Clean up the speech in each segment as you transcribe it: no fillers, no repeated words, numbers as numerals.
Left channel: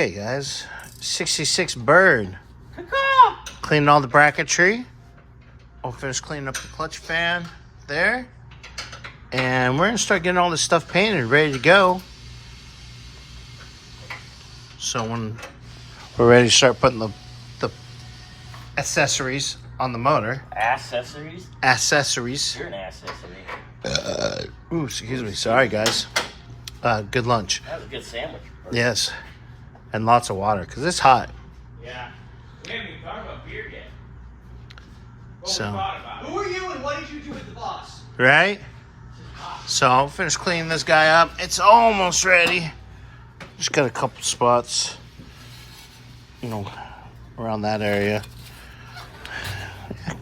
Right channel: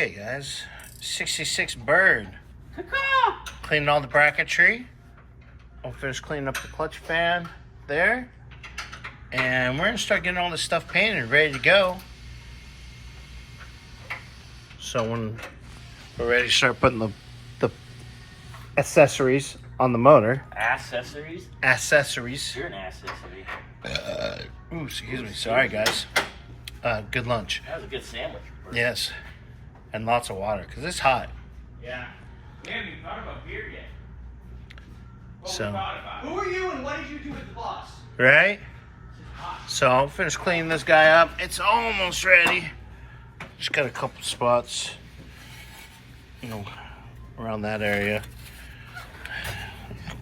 Okay, guys. 66 Bird. Cleaning all the bracketry. I'll finish cleaning up the clutch fan there. And we're going to start getting all this stuff painted, ready to go. So when we're ready to start putting the accessories on the motor. Accessories? Accessories. You're an accessory. Ooh, excuse me. Sorry, guys. Good lunch. That was a good sandwich. Yes. And lots of water, because it's hot. Yeah. We haven't even talked about beer yet. So. Who are you and what did you do with the boss? Right? So I'll finish cleaning this guy up. It's almost ready. Just got a couple spots, around that area.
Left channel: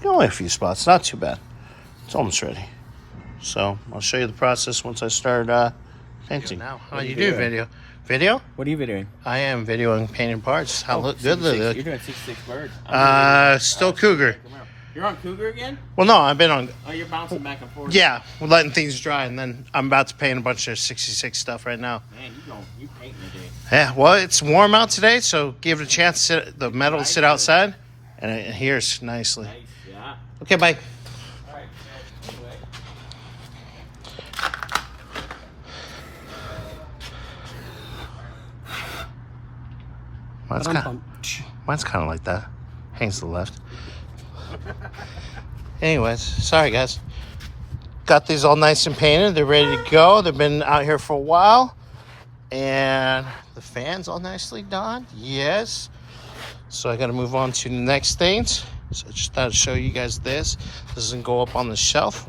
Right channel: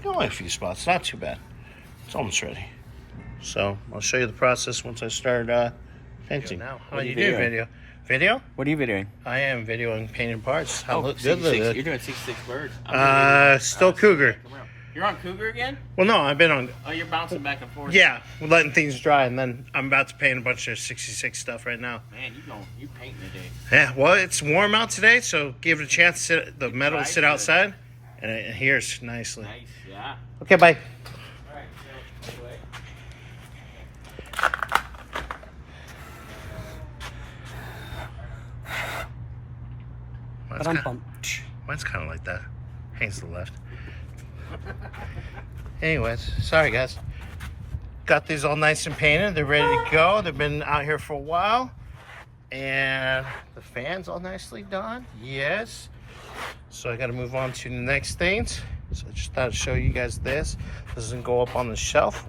Only a few spots, not too bad. It's almost ready. So I'll show you the process once I start painting. Now, how do you do video? Video? What are you videoing? I am videoing painting parts. How good 66, they look. You're doing 66 birds. Still Cougar. You're on Cougar again? Well, no, I've been on. Oh, you're bouncing back and forth. Yeah, we're letting things dry, and then I'm about to paint a bunch of 66 stuff right now. Man, you painting today. Yeah, well, it's warm out today, so give it a chance to the metal to sit outside, and it adheres nicely. Nice, yeah. Okay, bye. Mine's kind of like that. Hangs to the left. Anyways, sorry guys. Got these all nice and painted. They're ready to go. They've been out here for a while. And the fan's all nicely done. Yes. So I got to move on to the next things. So I just thought I'd show you guys this. This doesn't go up on the shelf.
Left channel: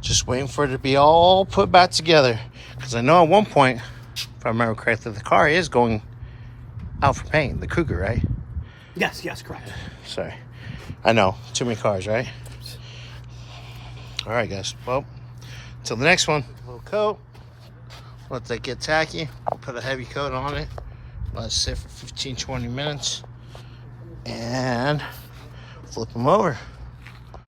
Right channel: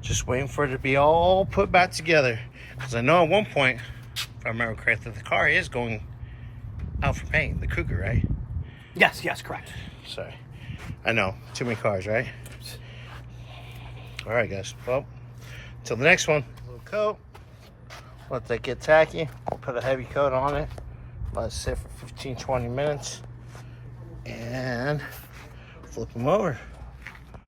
Just waiting for it to be all put back together. Because I know at one point, if I remember correctly, the car is going out for paint. The Cougar, right? Yes, correct. Sorry. I know. Too many cars, right? All right, guys. Well, until the next one. A little coat. Let that get tacky. I'll put a heavy coat on it. Let it sit for 15-20 minutes. And flip them over.